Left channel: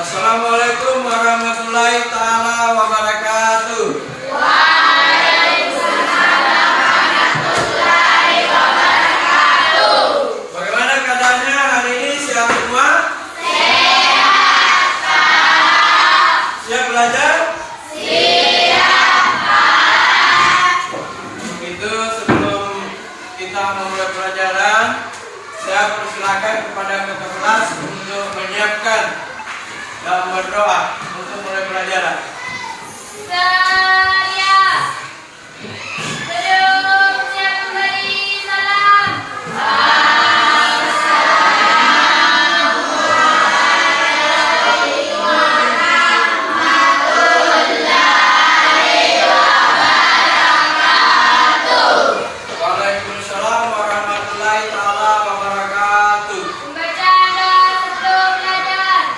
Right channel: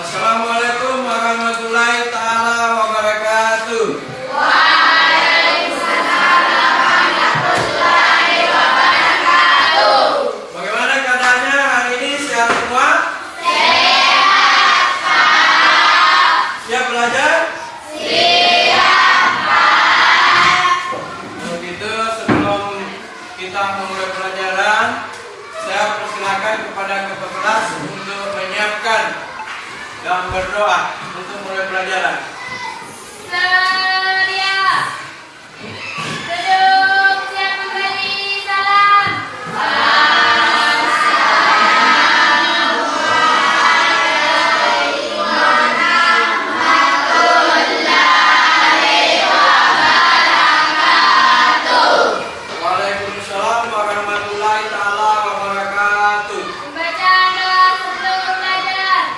Assalamualaikum warahmatullahi ta'ala wabarakatuh. Waalaikumsalam warahmatullahi wabarakatuh. Bagaimana keadaannya hari ini? Sehat semua? Sehat, Pak. Siap belajar? Siap, Pak. Begitu, sebelum kita memulai pelajaran, saya persilakan kepada kakak kelas untuk menyiapkan dan berdoa untuk mulai pelajaran. Saya belum siap memberi salam. Waalaikumsalam warahmatullahi ta'ala wabarakatuh. Bacaan doa sebelum belajar.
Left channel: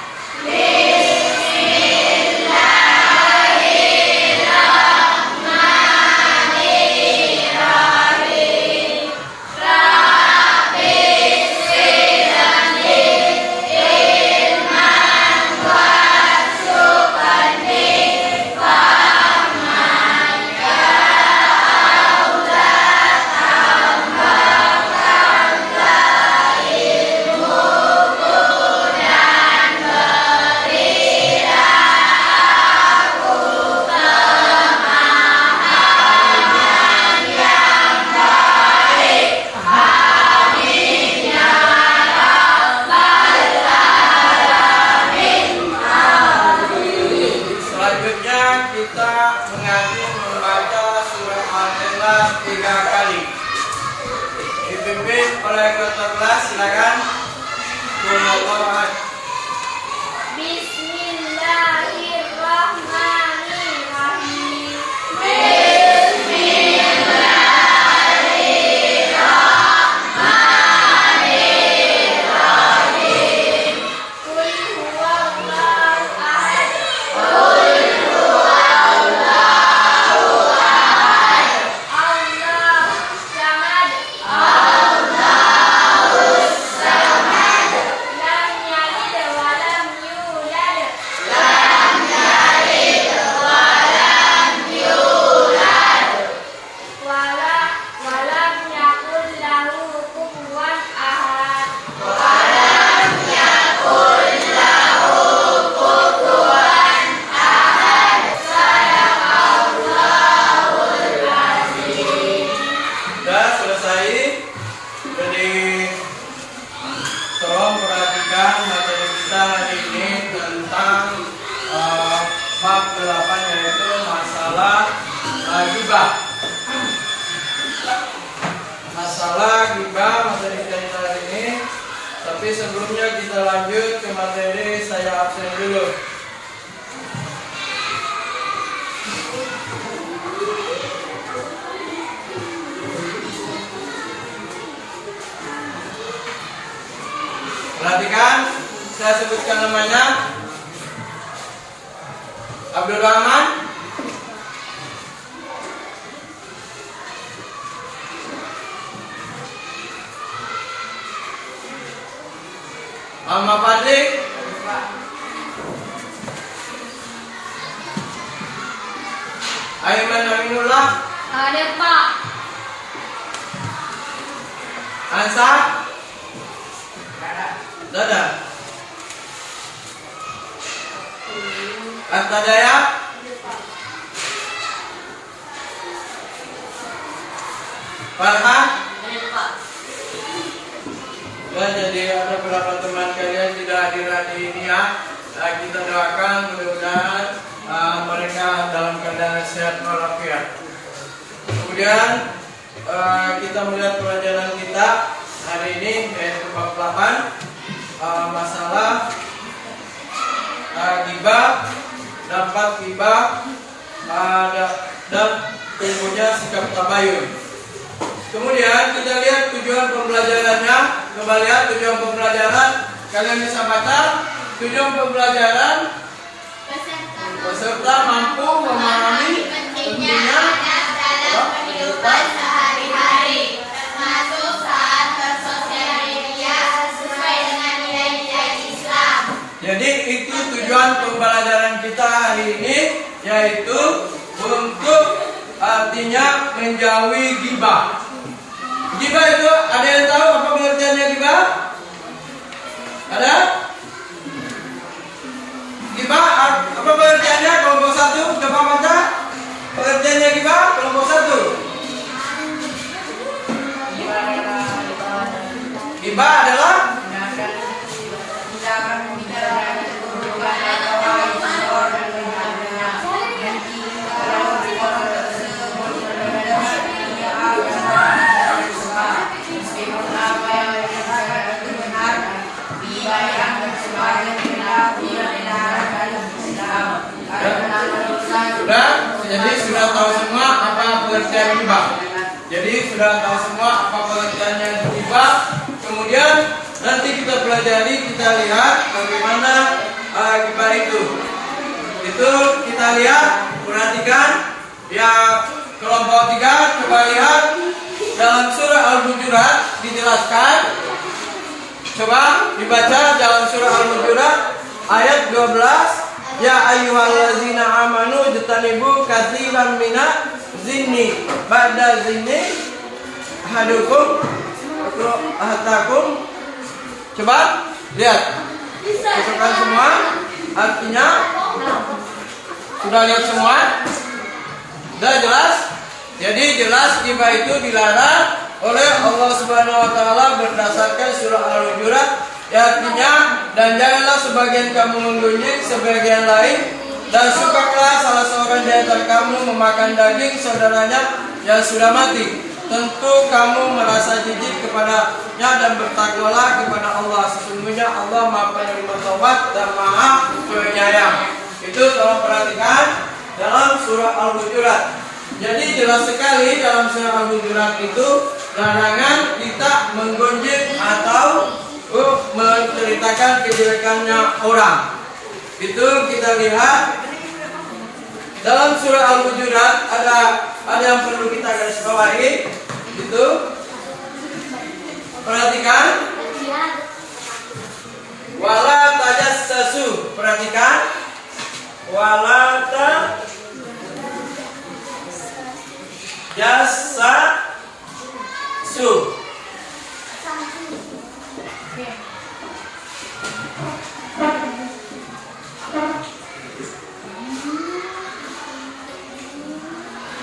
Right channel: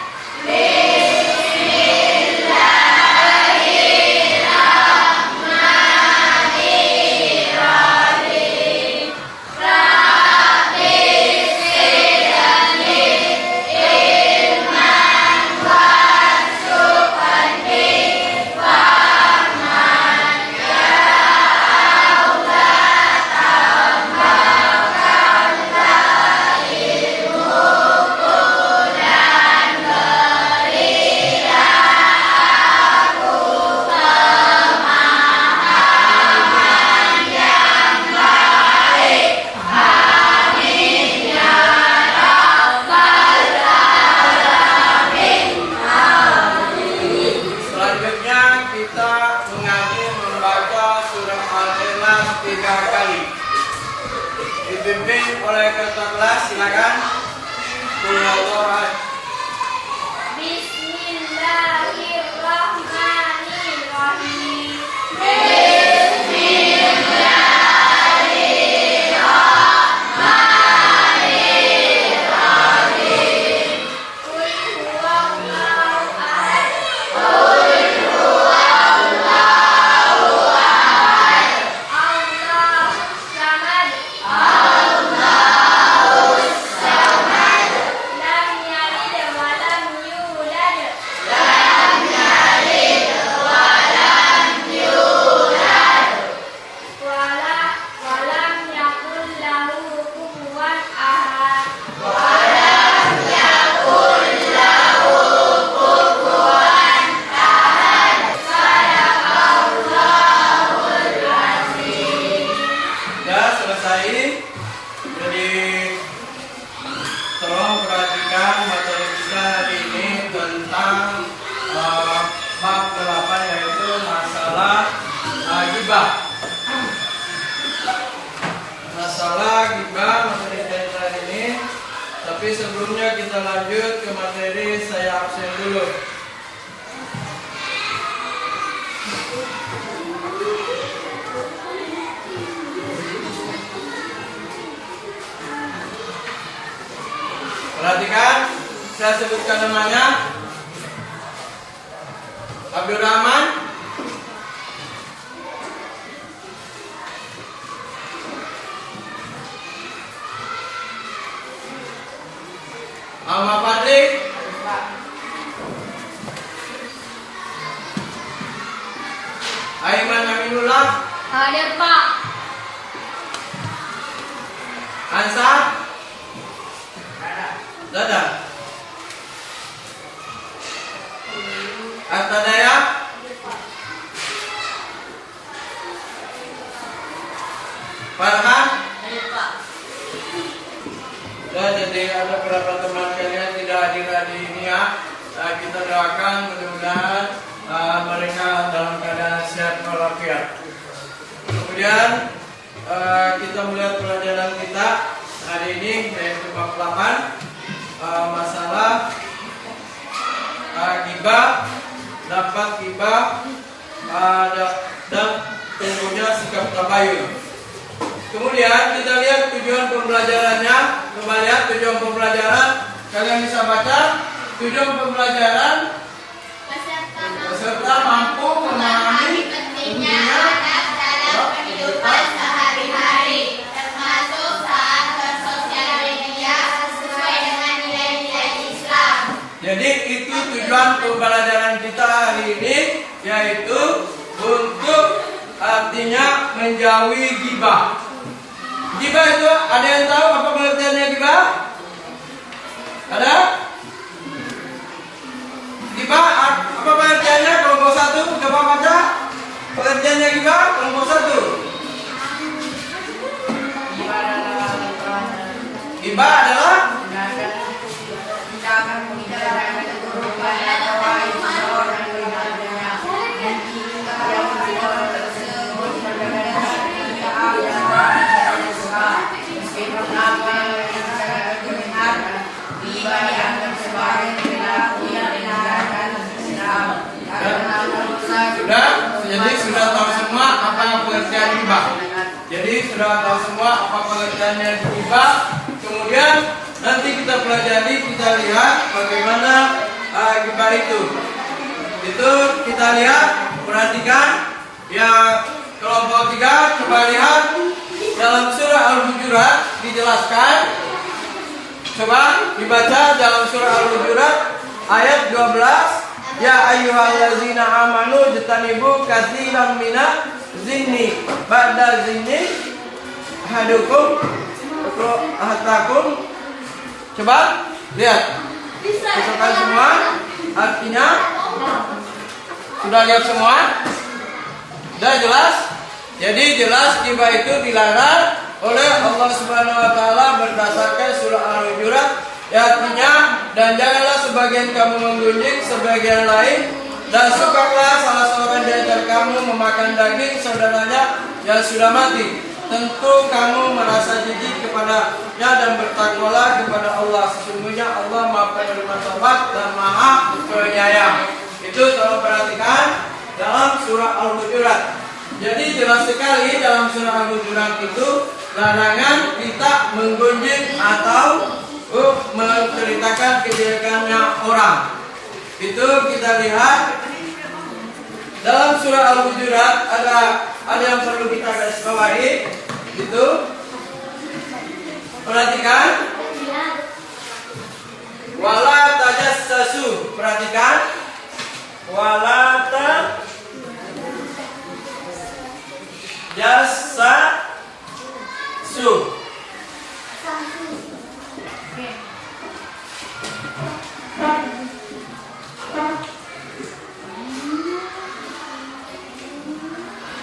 Selanjutnya kita mengaji membaca surah Al-Ikhlas 3 kali. Dipimpin oleh kakak kelas, silakan. Qul Allahu ahad. Bismillahirrahmanirrahim. Qul huwallahu ahad. Allahus samad. Lam yalid wa lam yulad. Wa lam yakul lahu kufuwan ahad. Sudah selesai. Jadi tolong perhatikan materi kita hari ini tentang bab 8, yaitu masalah ghibah. Masalah ghibah materi kita hari ini. Tapi sebelumnya kita lanjut ke materi, saya absen dulu. Perhatikan, saya sebutkan namanya. Abdurrahman, Ahmad Fadli, Aiman Aminullah, Ada Pak. Ansar, Dada, Atadaya, Farhan. Ya, jadi ada beberapa teman kalian tidak hadir hari ini ya. Kita doakan mudah-mudahan mereka dalam keadaan sehat walafiat. Kemudian kita melihat pelajaran kita hari ini, yaitu bab 8, masalah ghibah, dapat ghibah, dan tentunya sikap tabayun. Kemudian kita lihat tujuan pembelajarannya. Coba lihat tujuan pembelajaran. Kalian bisa baca. Tujuan pembelajaran peserta mampu memahami pentingnya Kehidupan sehari-hari, termasuk saat bersosial media sesuai dengan nilai-nilai Islam. Jadi itu tujuan pembelajaran kita hari ini, yaitu untuk artinya menjauhi ghibah. Ghibah itu ada yang tahu apa pengertiannya ghibah? Ada? Ghibah apa pengertiannya? Kelompok 1 coba baca. Pengertiannya ghibah kelompok 1. Ghibah adalah sudah tahu semua apa pengertian ghibah. Jadi sudah tahu semua apa pengertiannya ghibah. Kemudian nanti kita pelajari, kita lihat bagaimana ghibah itu. Itu kita lihat, perhatikan ya kelompok 3, coba lihat dalam surah Al-Hujurat dijelaskan. Coba dibaca dalam surah Al-Hujurat ayat 12. Ya ayyuhallazina amanu jtanibu katsiran mina zinni ba'da zinni hadukum ahtakum. Coba lihat. Cocokkan semua. Artinya sudah lihat semua? Sudah jelas? Jadi jelas ghibah itu dilarang oleh Allah Subhanahu wa taala berdasarkan surah Al-Hujurat. Artinya, dan janganlah sebagian kamu menggunjing sebagian lain, dan sukakah salah seorang di antara kamu memakan daging saudaranya yang sudah mati. Tentu kamu merasa jijik kepadanya dan bertakwalah kepada Allah. Sesungguhnya Allah Maha Penerima Taubat dan Maha Penyayang. Itu tolong perhatikan dalam surah Al-Hujurat. Jadi jelas sekali dalam surah Al-Hujurat itu larangan kita menggunjing atau menceritakan kejelekannya orang. Itu kita lihat dalam surah Al-Hujurat ada yang perlu kita garis bawahi. Itu perhatikan, wala tajassasu. Perhatikan, wala tajassasu.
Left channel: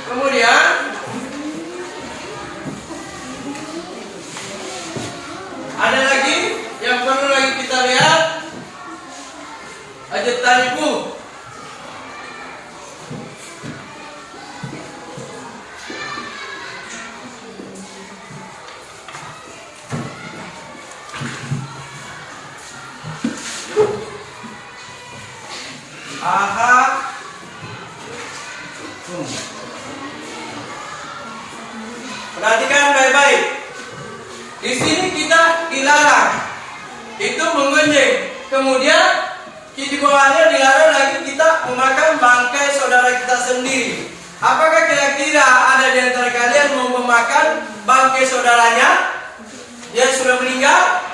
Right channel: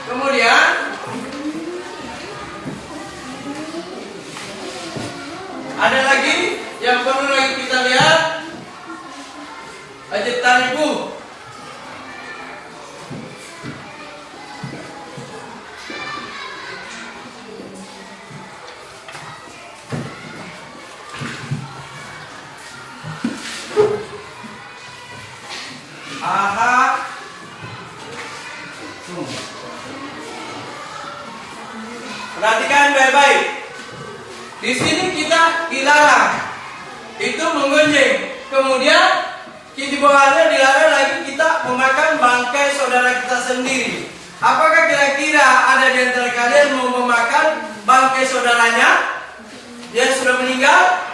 Kemudian ada lagi yang perlu lagi kita lihat, ajtanibu. Perhatikan baik-baik. Di sini kita dilarang itu menggunjing. Kemudian di bawahnya dilarang lagi kita memakan bangkai saudara kita sendiri. Apakah kira-kira ada di antara kalian mau memakan bangkai saudaranya yang sudah meninggal?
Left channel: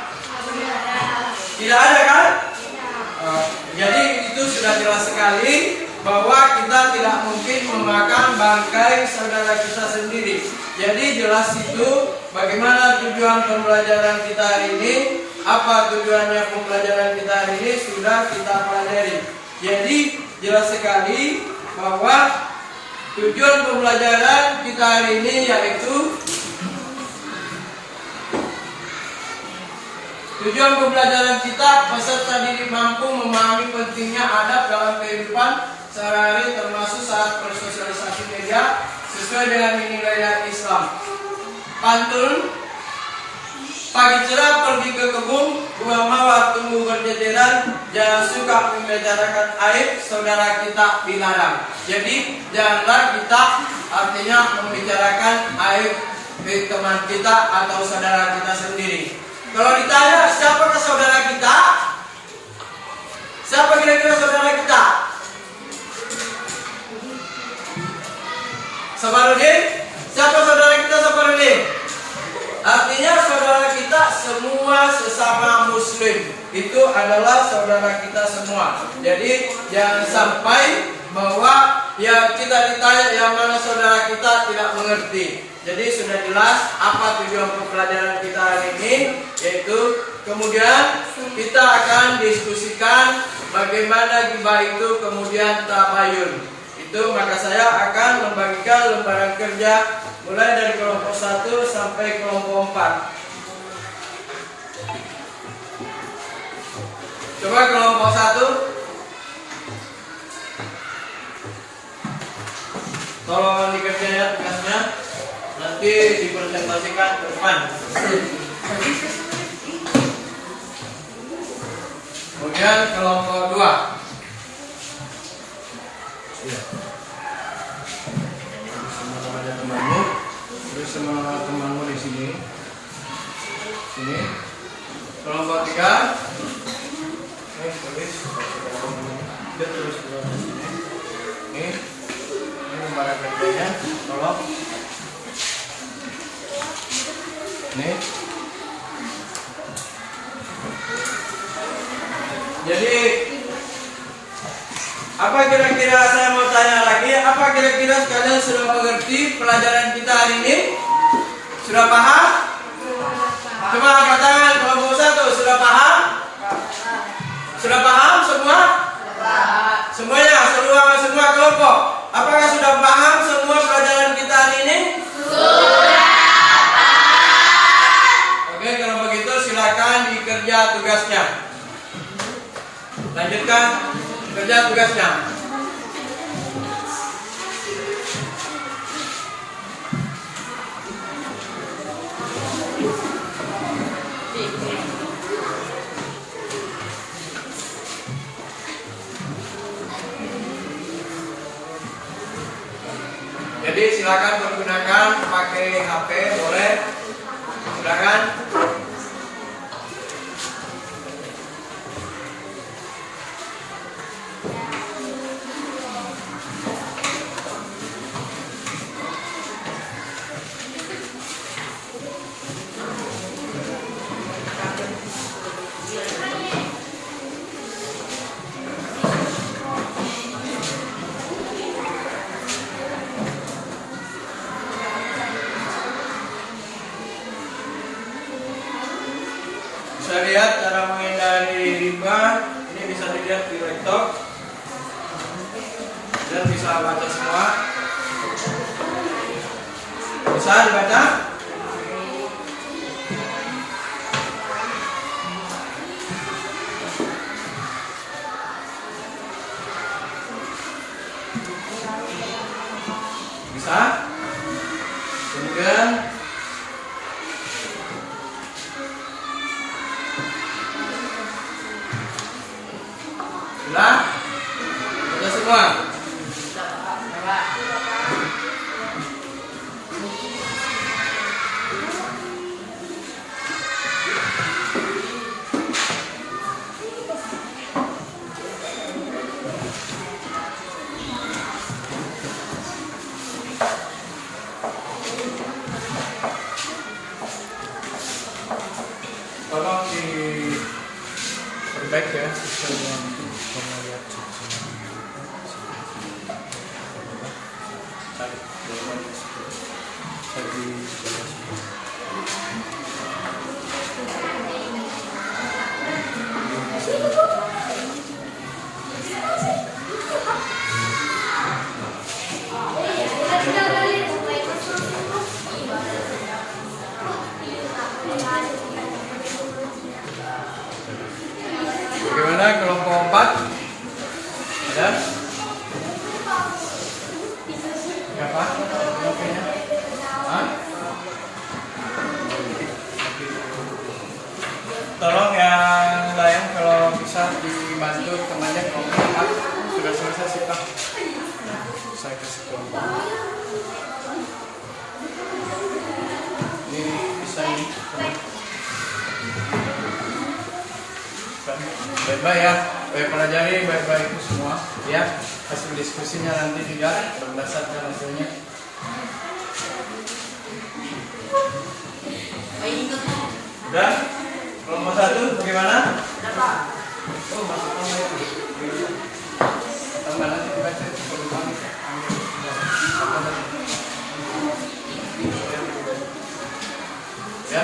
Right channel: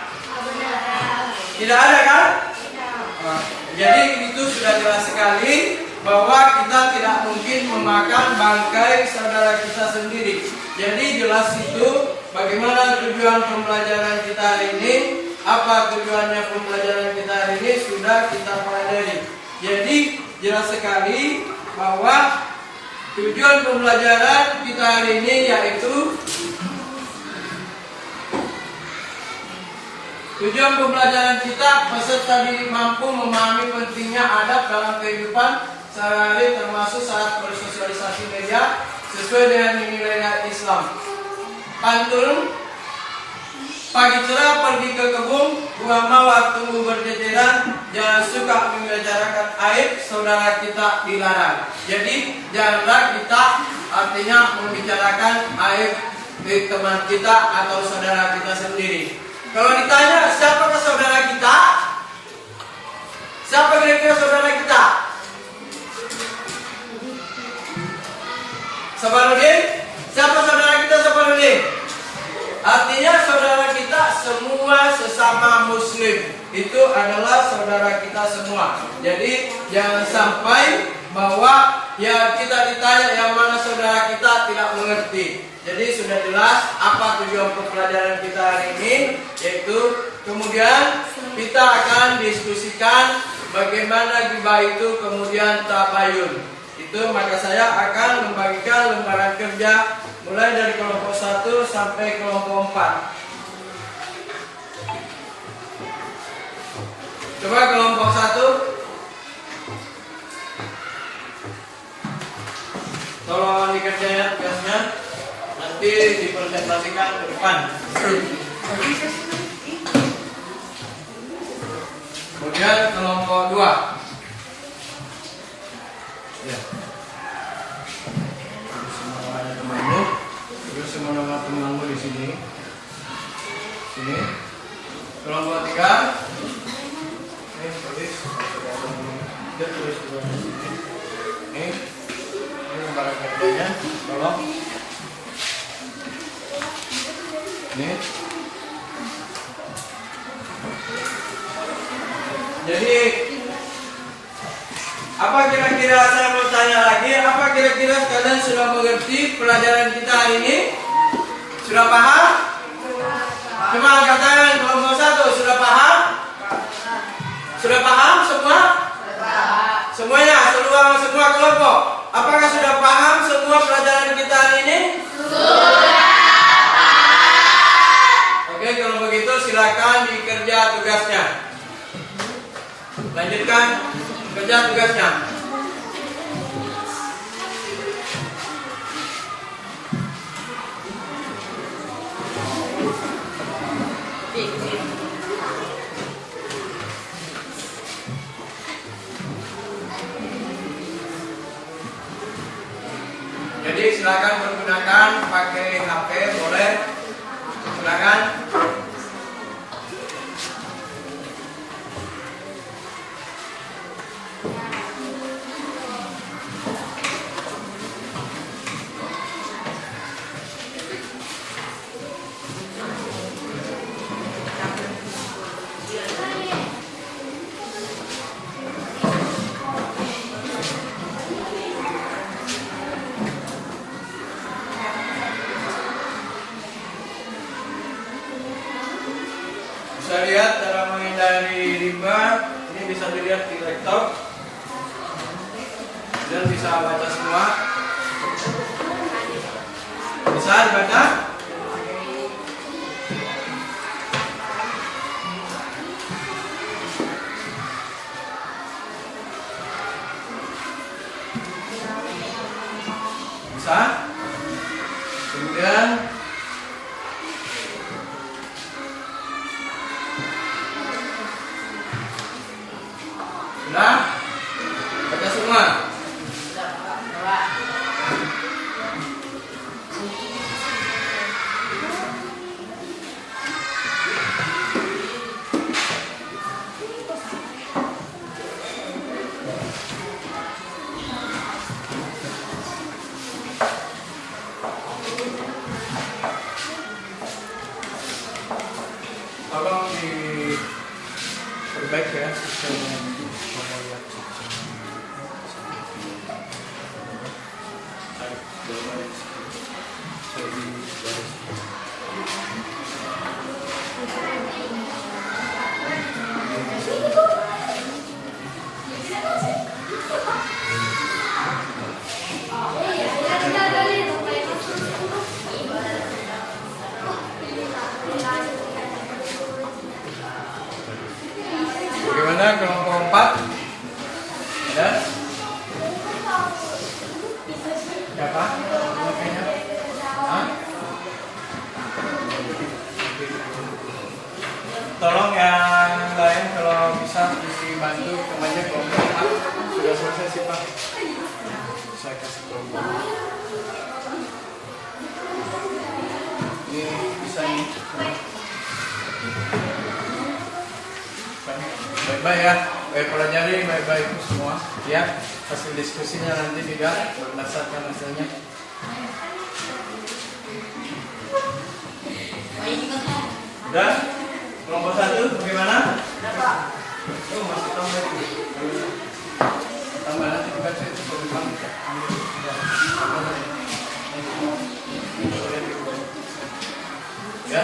Tidak ada kan? Jadi itu sudah jelas sekali bahwa kita tidak mungkin memakan bangkai saudara kita sendiri. Jadi jelas itu bagaimana tujuan pembelajaran kita hari ini. Apa tujuannya pembelajaran kita hari ini sudah kita pelajari. Jadi jelas sekali bahwa tujuan pembelajaran kita hari ini yaitu tujuan pembelajaran kita peserta didik mampu memahami pentingnya adab dalam kehidupan sehari-hari termasuk saat bersosialisasi media sesuai dengan nilai Islam. Pantun, pagi cerah pergi ke kebun, buah mawar tumbuh berjejeran, jangan suka membicarakan aib saudara kita dilarang. Jadi janganlah kita artinya membicarakan aib teman kita atau saudara kita sendiri. Kalau ditanya siapakah saudara kita? Siapa kira-kira saudara kita? Sabarudin? Siapa saudara kita Sabarudin? Artinya saudara kita semua sesama sesama muslim. Itu adalah saudara kita semua. Jadi jangan sampai bahwa ya kita ditanya yang mana saudara kita tidak mengerti. Jadi sudah jelas apa tujuan pelajaran kita hari ini, yaitu kemudian kita akan diskusikan bagaimana gibah itu kemudian tabayun. Itu maka saya akan membagikan lembaran kerja mulai dari kelompok 1 sampai kelompok 4. Coba kelompok 1. Tolong dikerjain ya tugasnya. Nanti dipresentasikan ke depan. Kemudian kelompok 2. Ya. Sama namanya temanmu. Terus sama temanmu di sini. Sini. Kelompok 3. Ini tulis. Dia terus di sini. Ini lembaran kerjanya. Tolong. Ini. Jadi apa kira-kira saya mau tanya lagi? Apa kira-kira kalian sudah mengerti pelajaran kita hari ini? Sudah paham? Coba angkat tangan kelompok 1. Sudah paham? Sudah paham semua? Semuanya, semua kelompok. Apakah sudah paham semua pelajaran kita hari ini? Oke, kalau begitu silakan dikerja tugasnya. Lanjutkan kerja tugasnya. Jadi silakan menggunakan pakai HP boleh. Silakan. Bisa lihat cara menghindari riba. Ini bisa dilihat di laptop dan bisa baca semua. Bisa dibaca? Bisa? Kemudian sudah? Baca semua? Tolong diperbaiki ya sistemnya. Bagaimana kelompok 4? Ada? Siapa? Hah? Tolong yang lain kalau bisa dibantu temannya kelompok 4. Sudah selesai sih Pak. Saya kasih kelompok. Ini bisa nih. Baik-baik ya, pelajari baik-baik itu semua ya. Hasil diskusinya nanti juga berdasarkan hasilnya. Udah? Kelompok 1 bagaimana? Oh, masih tambah itu. Tambah nanti dibaca itu baru tambah. Ya,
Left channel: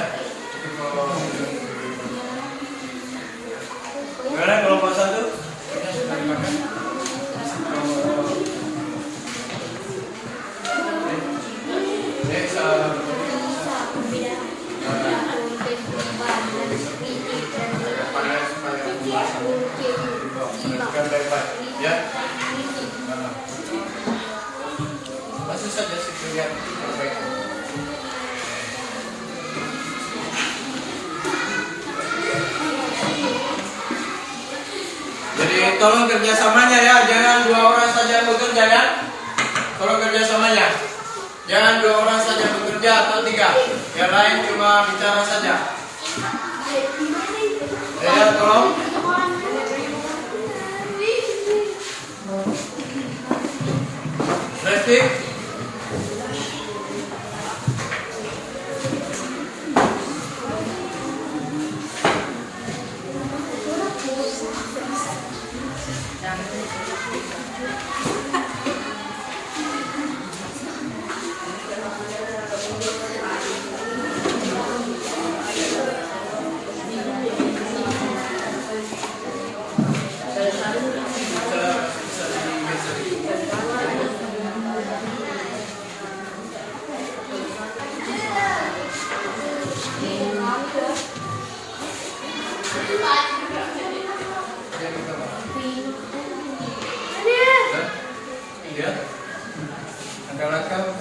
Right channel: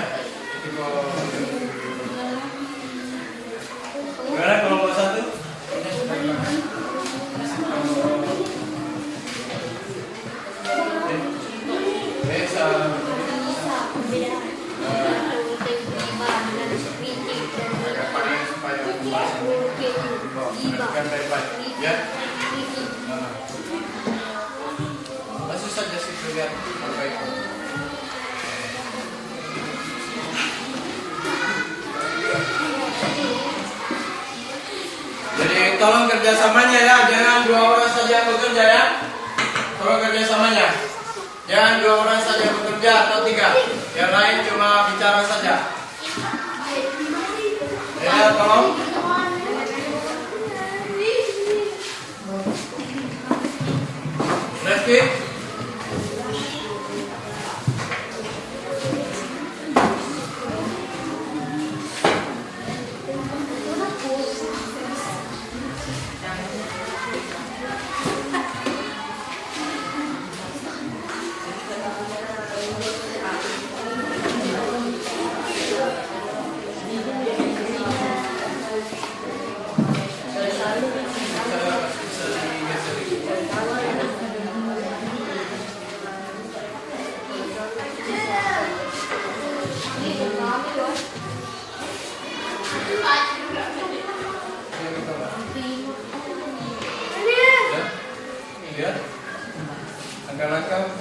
bagaimana kelompok 1? Ini sudah dimakan. Baik-baik, ya. Masih saja sih lihat baik. Jadi tolong kerjasamanya ya, jangan 2 orang saja yang bekerja ya. Tolong kerjasamanya. Jangan 2 orang saja bekerja atau 3. Yang lain cuma bicara saja. Ya, tolong. Reski. Lihat langkah-langkah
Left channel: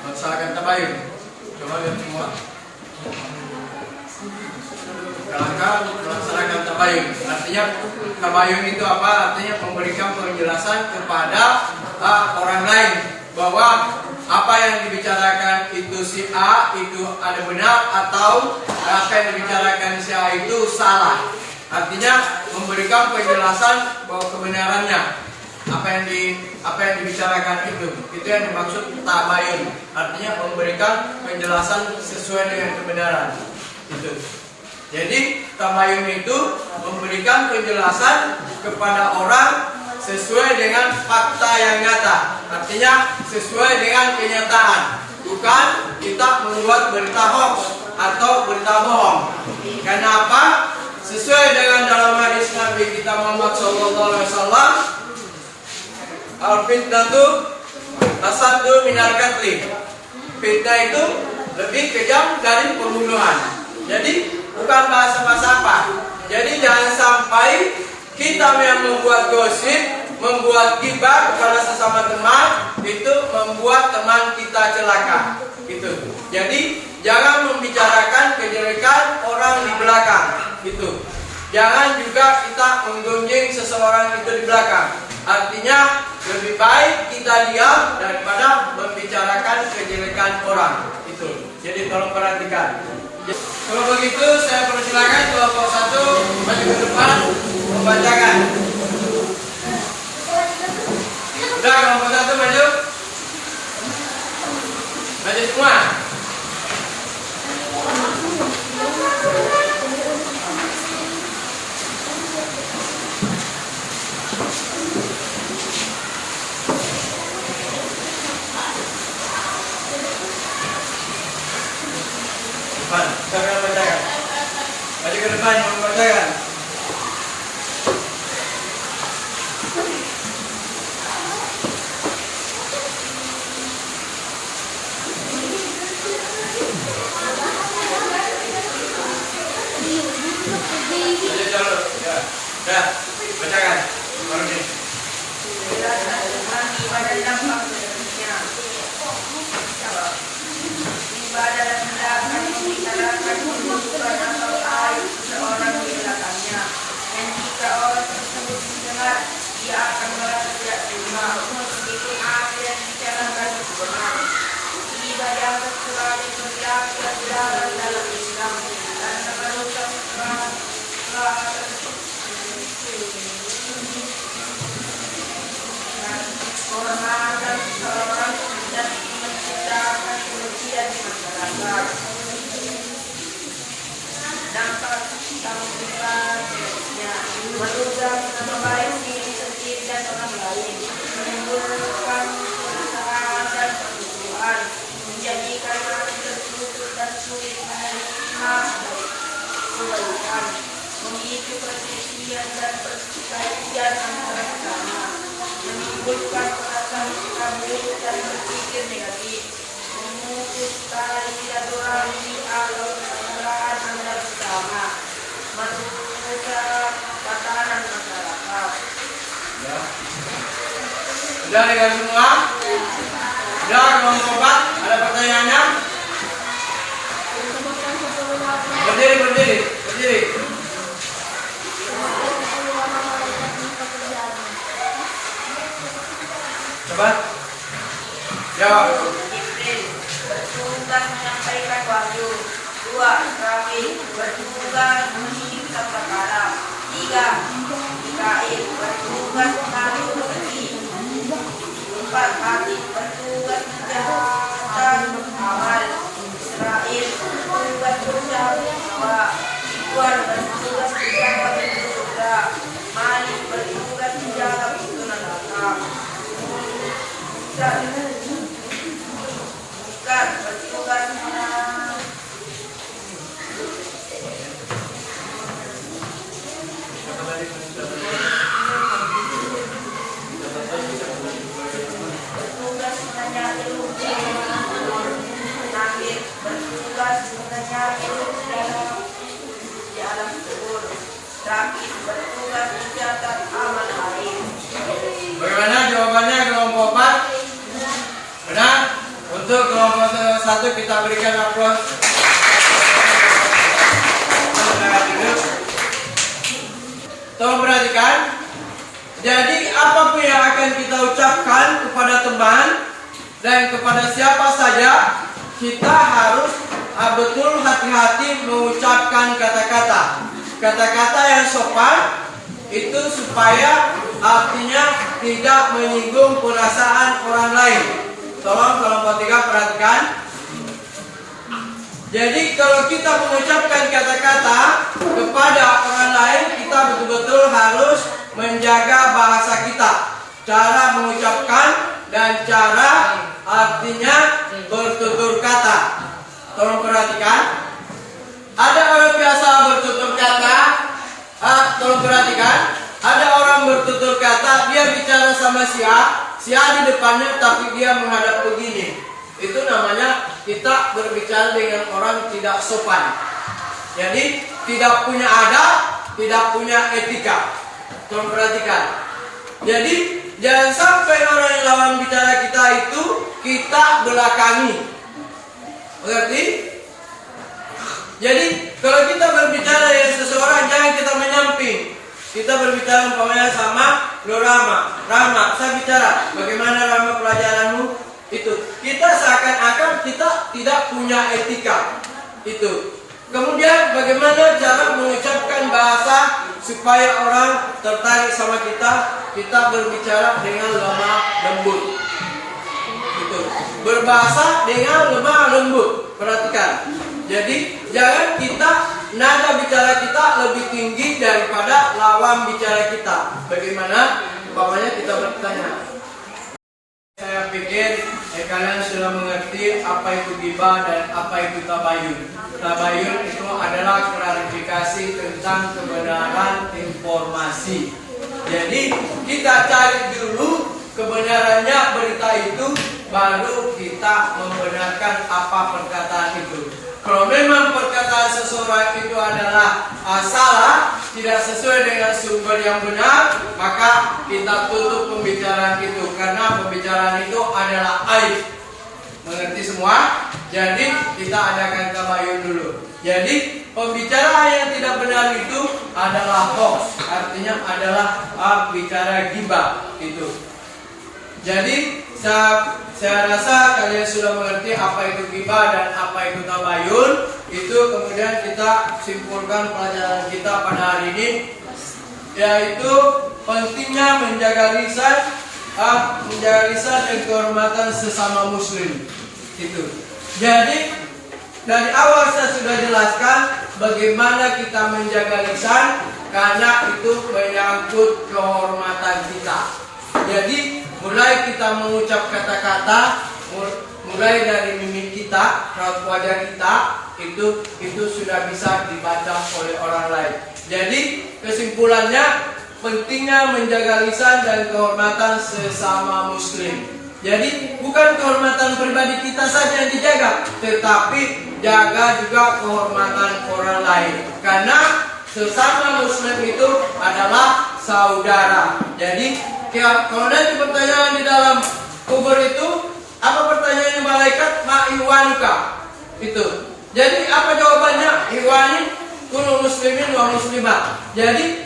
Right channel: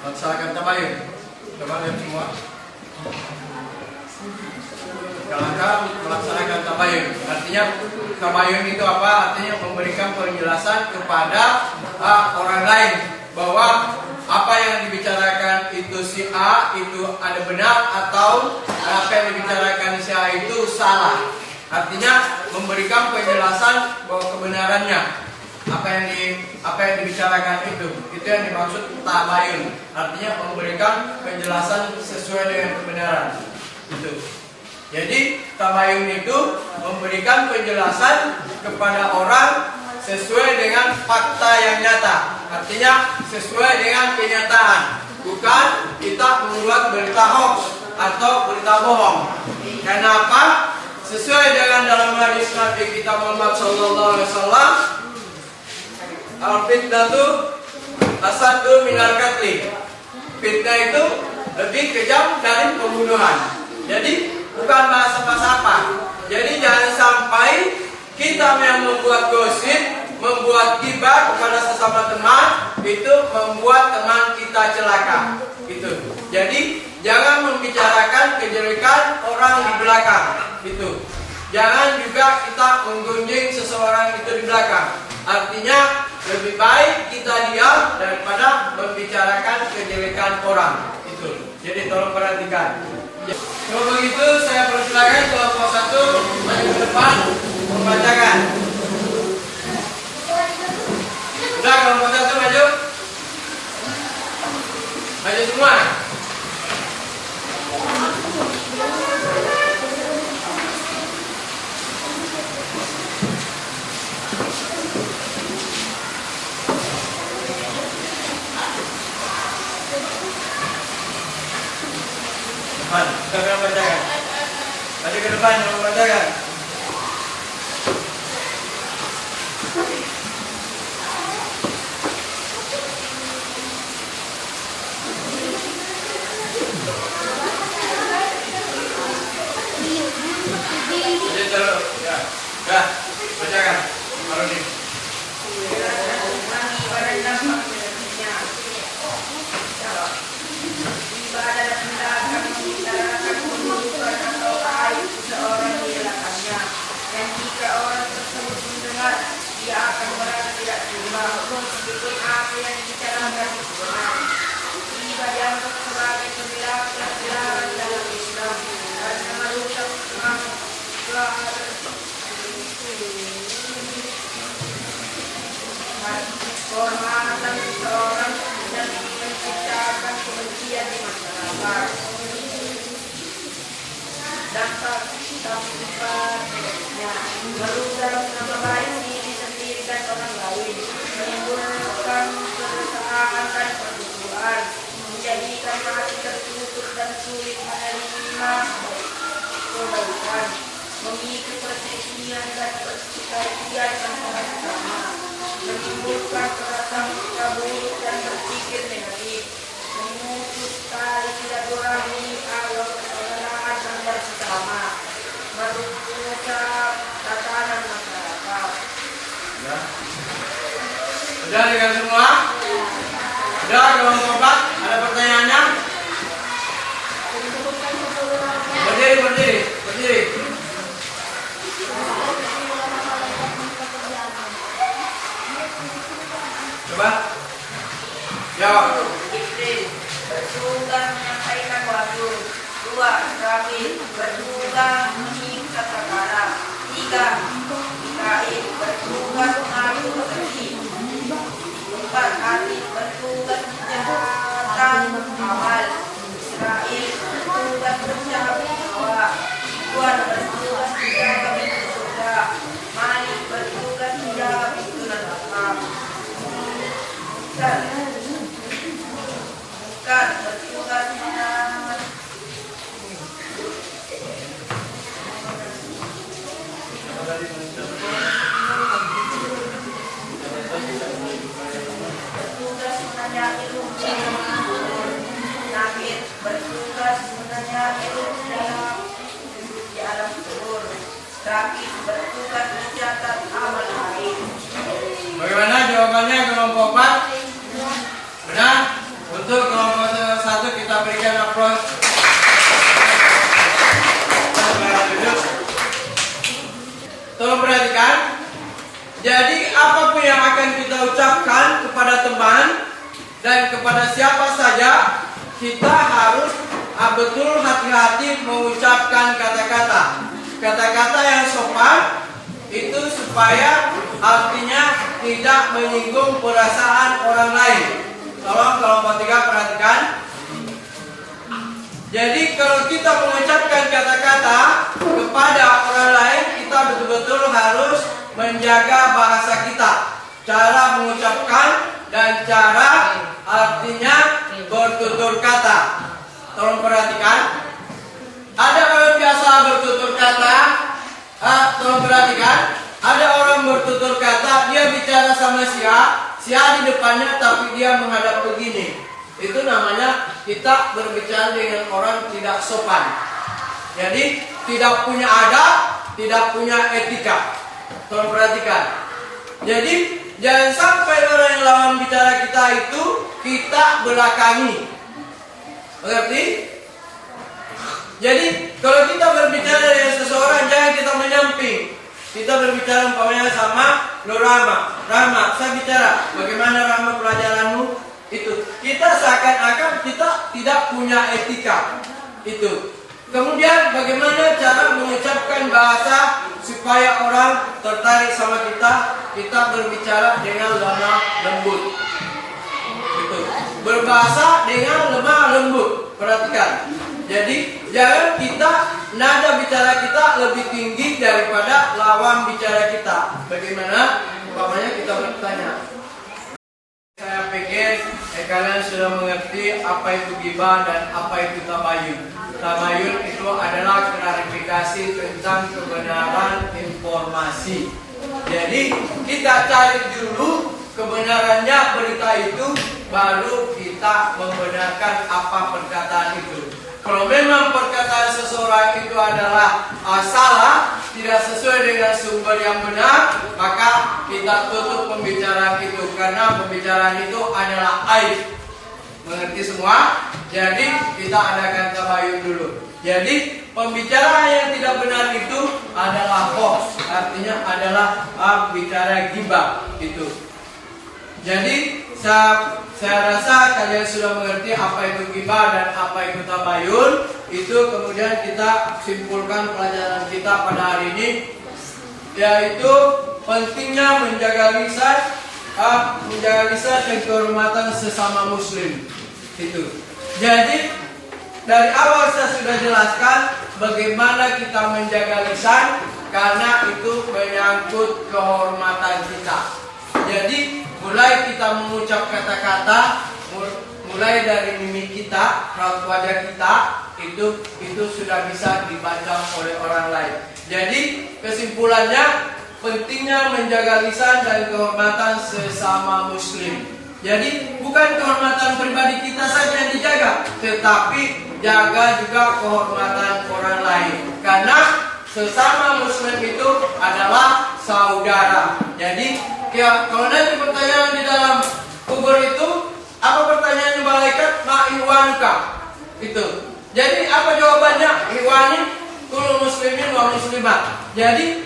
melaksanakan tabayun. Coba lihat semua langkah-langkah melaksanakan tabayun. Artinya tabayun itu apa? Artinya memberikan penjelasan kepada orang lain bahwa apa yang dibicarakan itu si A itu ada benar atau apa yang dibicarakan si A itu salah. Artinya memberikan penjelasan bahwa kebenarannya apa yang dibicarakan itu yang dimaksud tabayun. Artinya memberikan penjelasan sesuai dengan kebenaran itu. Jadi tabayun itu memberikan penjelasan kepada orang sesuai dengan fakta yang nyata. Artinya sesuai dengan kenyataan. Bukan kita membuat berita hoax atau berita bohong. Kenapa? Sesuai dengan dalam hadis Nabi kita Muhammad SAW, al-fitnatu asaddu minal qatli. Fitnah itu lebih kejam dari pembunuhan. Jadi bukan bahasa-bahasa apa. Jadi jangan sampai kita yang membuat gosip, membuat gibah kepada sesama teman, itu membuat teman kita celaka. Gitu. Jadi jangan membicarakan kejelekan orang di belakang. Gitu. Jangan juga kita menggunjing seseorang itu di belakang. Artinya lebih baik kita diam daripada membicarakan kejelekan orang. Itu. Jadi tolong perhatikan. Kalau begitu saya persilakan kelompok 1 maju ke depan membacakan. Sudah kelompok 1 maju. Maju semua. Kita bacakan. Maju ke depan membacakan. Maju terus. Ya. Dah. Bacakan. Baru ini. Ibadah dan tindakan membicarakan keburukan atau aib seseorang di belakangnya, dan jika orang tersebut mendengar, dia akan merasa tidak terima meskipun apa yang dibicarakan benar. Tidak dianggap sebagai perjalanan dalam Islam karena merusak semangat dampak tampilan selanjutnya merusak nama baik diri sendiri dan orang lain, menimbulkan keresahan dan permusuhan, menjadikan hati tertutup dan sulit menerima kebaikan, memicu perselisihan dan pertikaian antara sesama, menimbulkan prasangka buruk dan berpikir negatif, memutus tali silaturahmi atau persaudaraan antar sesama, merusak tatanan masyarakat. Ya. Sudah dengar semua? Sudah ruang keempat? Ada pertanyaannya? Berdiri. Coba. Jawab. Bertugas menyampaikan wahyu. 2. Terakhir, bertugas menyiksa perkara. 3. Mikail, bertugas mengatur rezeki. 4. Hati, bertugas menjalankan amal. Israel, bertugas menjauhi hawa. 2. Bertugas menjaga pintu surga. Malik, bertugas menjaga pintu neraka. Bukan bertugas menahan. Bertugas menanyai hukum. Akhir bertugas menanyai hukum di alam kubur. Terakhir bertugas mencatat amal lain. Bagaimana jawabannya kelompok 4? Benar? Untuk kelompok 1 kita berikan aplaus. Tolong perhatikan. Jadi apapun yang akan kita ucapkan kepada teman dan kepada siapa saja, kita harus betul hati-hati mengucapkan kata-kata. Kata-kata yang sopan itu supaya artinya tidak menyinggung perasaan orang lain. Tolong kelompok 3 perhatikan. Jadi kalau kita mengucapkan kata-kata kepada orang lain, kita betul-betul harus menjaga bahasa kita, cara mengucapkan dan cara artinya bertutur kata. Tolong perhatikan. Ada orang biasa bertutur kata. Tolong perhatikan. Ada orang bertutur kata, dia bicara sama si A di depannya, tapi dia menghadap begini. Itu namanya kita berbicara dengan orang tidak sopan. Jadi tidak punya adab, tidak punya etika. Tolong perhatikan. Jadi jangan sampai orang yang lawan bicara kita itu kita belakangi. Mengerti? Jadi kalau kita berbicara dengan seseorang, jangan kita menyamping. Kita berbicara umpamanya sama Nur Rahma. Rahma, saya bicara, bagaimana Rahma pelajaranmu? Itu kita seakan-akan kita tidak punya etika. Itu. Kemudian bagaimana cara mengucapkan bahasa supaya orang tertarik sama kita? Kita berbicara dengan lemah lembut. Itu. Berbahasa dengan lemah lembut. Perhatikan. Jadi jangan kita nada bicara kita lebih tinggi daripada lawan bicara kita. Bagaimana? Umpamanya kita bertanya. Saya pikir kalian sudah mengerti apa itu ghibah dan apa itu tabayun. Tabayun itu adalah klarifikasi tentang kebenaran informasi. Jadi kita cari dulu kebenarannya berita itu, baru kita membenarkan apa perkataan itu. Kalau memang perkataan seseorang itu adalah salah, tidak sesuai dengan sumber yang benar, maka kita tutup pembicaraan itu, karena pembicaraan itu adalah aib. Mengerti semua? Jadi kita adakan tabayun dulu. Jadi pembicaraan yang tidak benar itu adalah hoax, artinya adalah bicara ghibah itu. Jadi saya rasa kalian sudah mengerti apa itu ghibah dan apa itu tabayun. Itu kemudian kita simpulkan pelajaran kita pada hari ini, yaitu pentingnya menjaga lisan dan kehormatan sesama muslim. Itu. Jadi dari awal saya sudah jelaskan bagaimana kita menjaga lisan, karena itu menyangkut kehormatan kita. Jadi mulai kita mengucap kata-kata, mulai dari mimik kita, raut wajah kita, itu sudah bisa dibaca oleh orang lain. Jadi kesimpulannya, pentingnya menjaga lisan dan kehormatan sesama muslim. Jadi bukan kehormatan pribadi kita saja yang dijaga, tetapi jaga juga kehormatan orang lain. Karena sesama muslim itu adalah saudara. Jadi kalau nanti pertanyaan di dalam kubur itu, apa pertanyaannya malaikat? Ma ihwanuka? Itu. Jadi apa jawabannya? Ihwani kullu muslimin wa muslimat. Jadi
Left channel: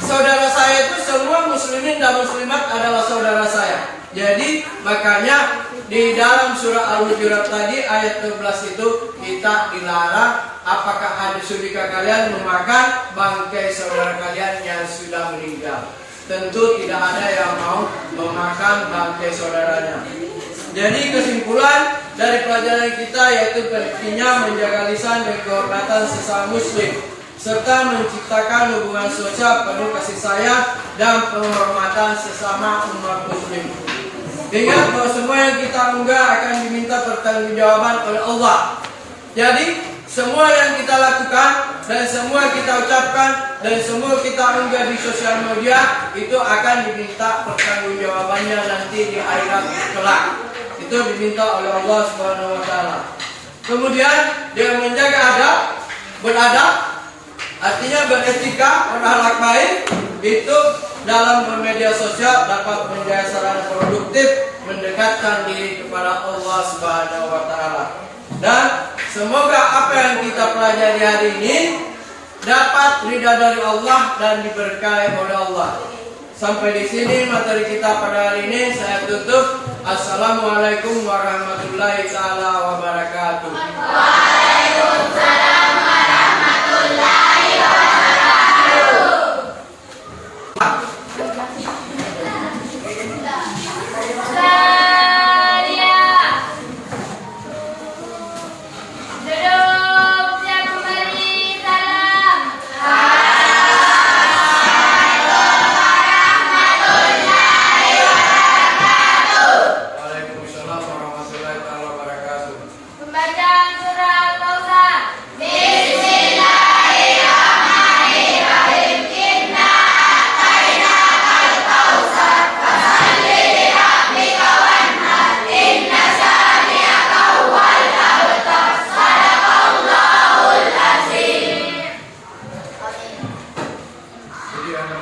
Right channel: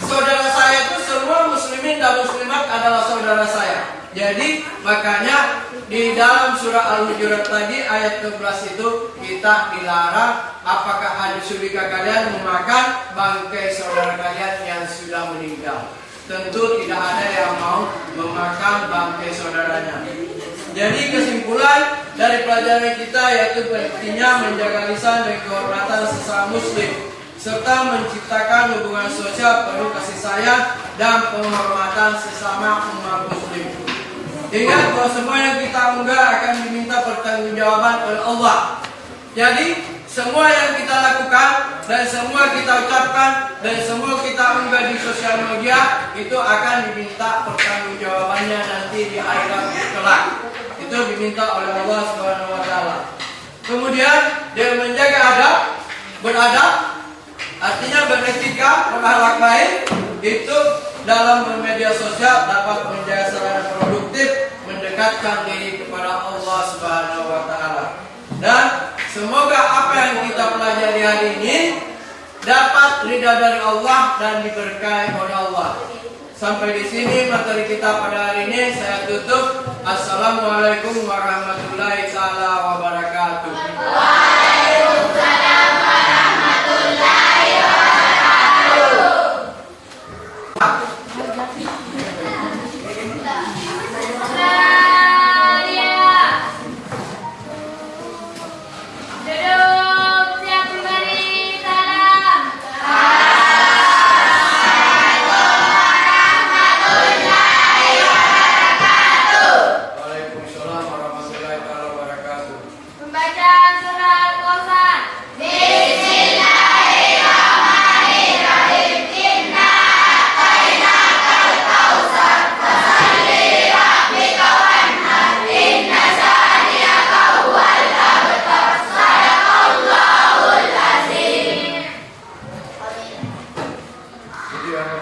saudara saya itu semua muslimin dan muslimat adalah saudara saya. Jadi makanya di dalam surah Al-Hujurat tadi ayat 12 itu kita dilarang, apakah ada sudikah kalian memakan bangkai saudara kalian yang sudah meninggal. Tentu tidak ada yang mau memakan bangkai saudaranya. Jadi kesimpulan dari pelajaran kita yaitu pentingnya menjaga lisan dan kehormatan sesama muslim, serta menciptakan hubungan sosial penuh kasih sayang dan penghormatan sesama umat muslim. Ingat bahwa semua yang kita unggah akan diminta pertanggungjawaban oleh Allah. Jadi semua yang kita lakukan dan semua kita ucapkan dan semua kita unggah di sosial media itu akan diminta pertanggungjawabannya nanti di akhirat kelak. Itu diminta oleh Allah Subhanahu wa taala. Kemudian dia menjaga adab, beradab, artinya beretika, berakhlak baik, itu dalam bermedia sosial dapat menjaga secara produktif, mendekatkan diri kepada Allah Subhanahu wa taala. Dan semoga apa yang kita pelajari hari ini dapat ridha dari Allah dan diberkahi oleh Allah. Sampai di sini materi kita pada hari ini saya tutup. Assalamualaikum warahmatullahi taala wabarakatuh. Waalaikumsalam warahmatullahi wabarakatuh. Duduk, siap kembali, salam. Waalaikumsalam warahmatullahi taala wabarakatuh. Membaca surah Al-Kautsar. Jadi apa?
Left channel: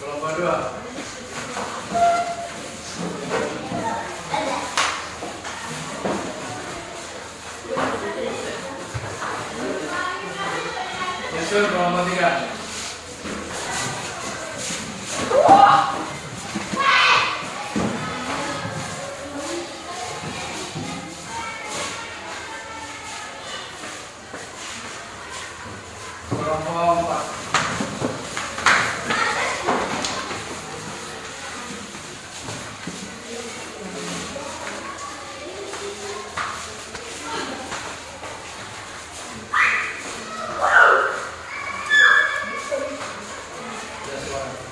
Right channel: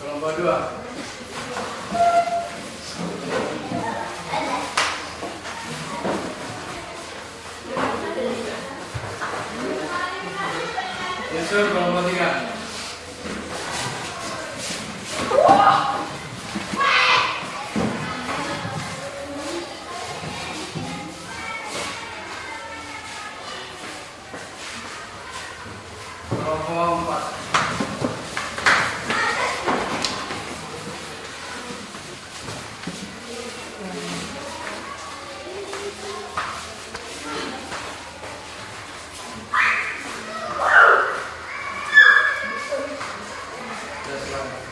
Kelompok 2. Yusuf kelompok 3. Kelompok 4. Yes,